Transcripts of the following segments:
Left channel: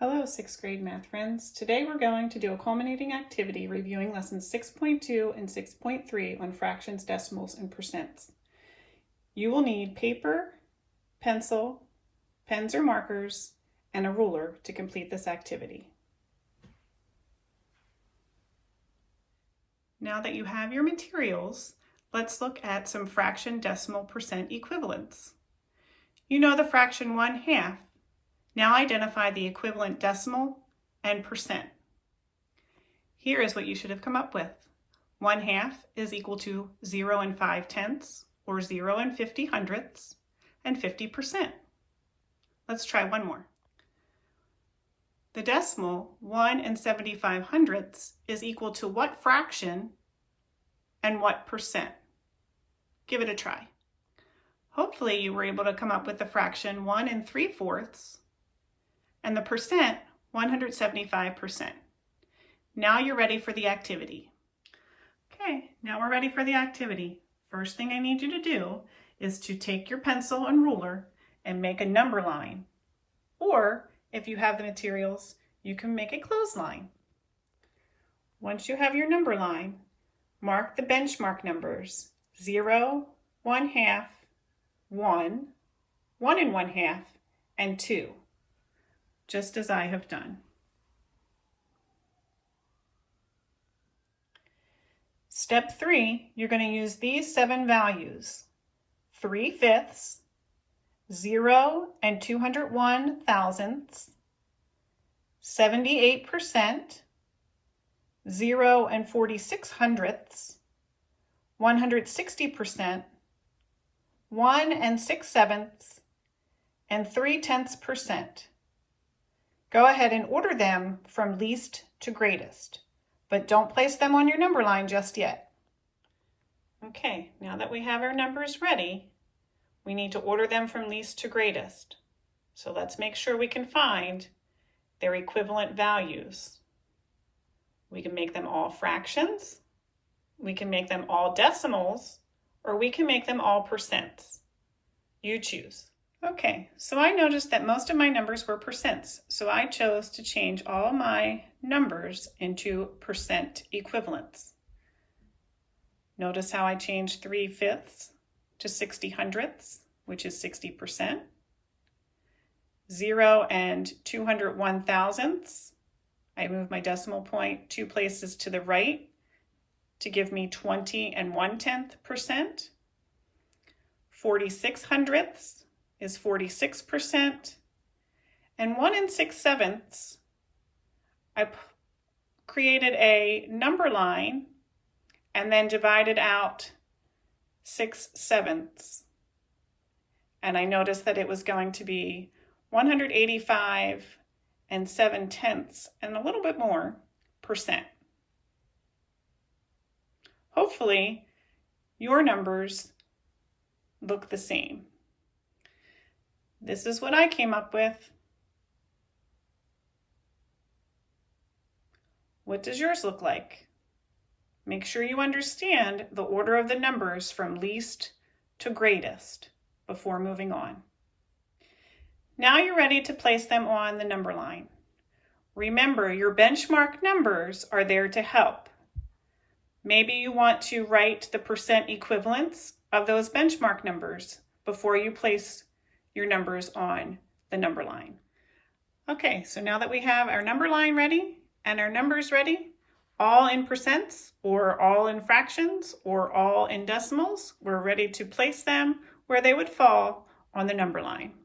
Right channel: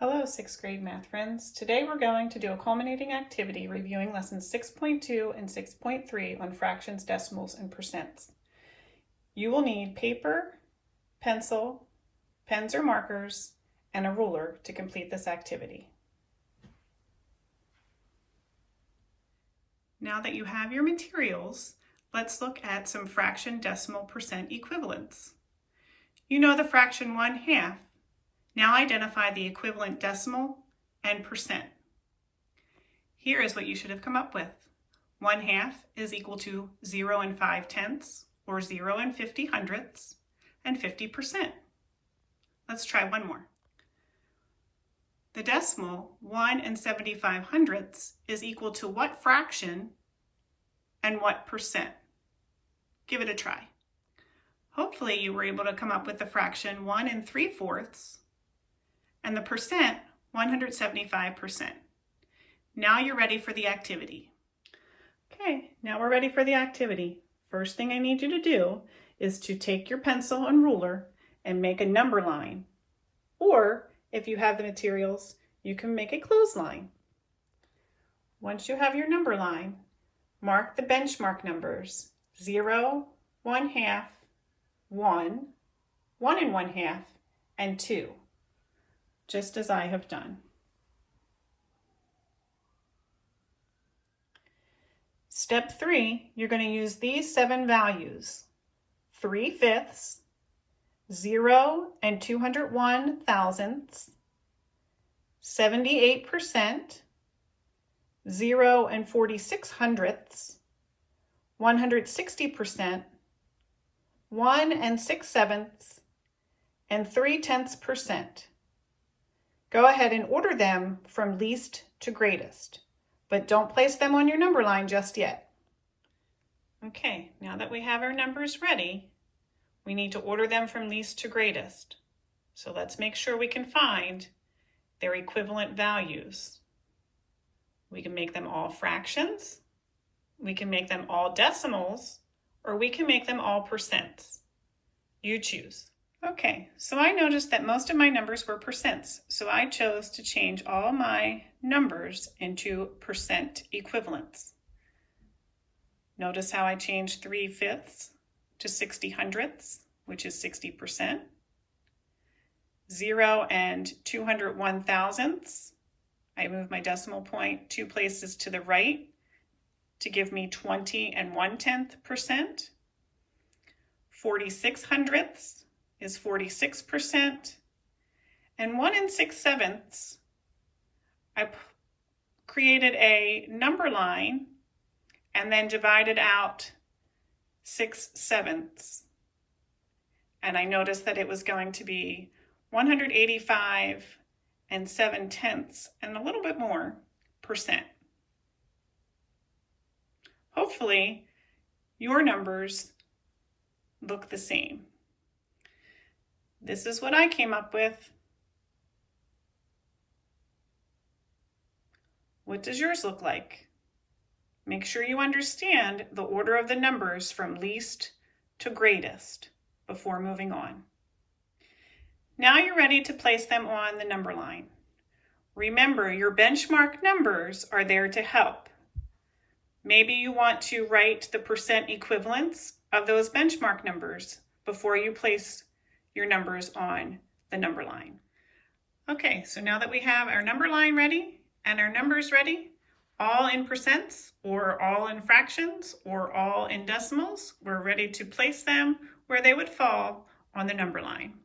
Hello, 6th grade math friends. Today we're going to do a culminating activity reviewing lessons 6.2 and 6.3 on fractions, decimals, and percents. You will need paper, pencil, pens or markers, and a ruler to complete this activity. Now that you have your materials, let's look at some fraction, decimal, percent equivalents. You know the fraction 1/2. Now identify the equivalent decimal and percent. Here is what you should have come up with. 1/2 is equal to 0 and 5/10, or 0 and 50 hundredths, and 50%. Let's try one more. The decimal 1 and 75 hundredths is equal to what fraction and what percent? Give it a try. Hopefully you were able to come up with the fraction 1 and 3/4 and the percent 175%. Now you're ready for the activity. Okay, now we're ready for the activity. First thing I need you to do is to take your pencil and ruler and make a number line. Or if you have the materials, you can make a clothesline. Once you have your number line, mark the benchmark numbers 0, 1/2, 1, 1 and 1/2, and 2. Just as I have done. Step 3, you're going to use these 7 values: 3/5, 0 and 201 thousandths, 78%, 0 and 46 hundredths, 160%, 1 and 6/7, and 3/10%. Go ahead and order them from least to greatest, but don't place them on your number line just yet. Okay, now that we have our numbers ready, we need to order them from least to greatest. So let's make sure we can find their equivalent values. We can make them all fractions, we can make them all decimals, or we can make them all percents. You choose. Okay, so I noticed that most of my numbers were percents, so I chose to change all my numbers into percent equivalents. Notice how I changed 3/5 to 60 hundredths, which is 60%. 0 and 201 thousandths, I moved my decimal point 2 places to the right to give me 20 and 1/10%. 46 hundredths is 46%, and 1 and 6/7, I created a number line and then divided out 6/7, and I noticed that it was going to be 185 and 7/10 and a little bit more percent. Hopefully your numbers look the same. This is what I came up with. What does yours look like? Make sure you understand the order of the numbers from least to greatest before moving on. Now you're ready to place them on the number line. Remember, your benchmark numbers are there to help. Maybe you want to write the percent equivalents of those benchmark numbers before you place your numbers on the number line. Okay, so now that we have our number line ready and our numbers ready, all in percents or all in fractions or all in decimals, we're ready to place them where they would fall on the number line.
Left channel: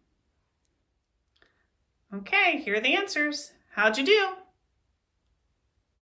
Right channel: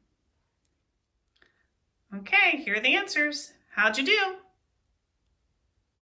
Okay, here are the answers. How'd you do?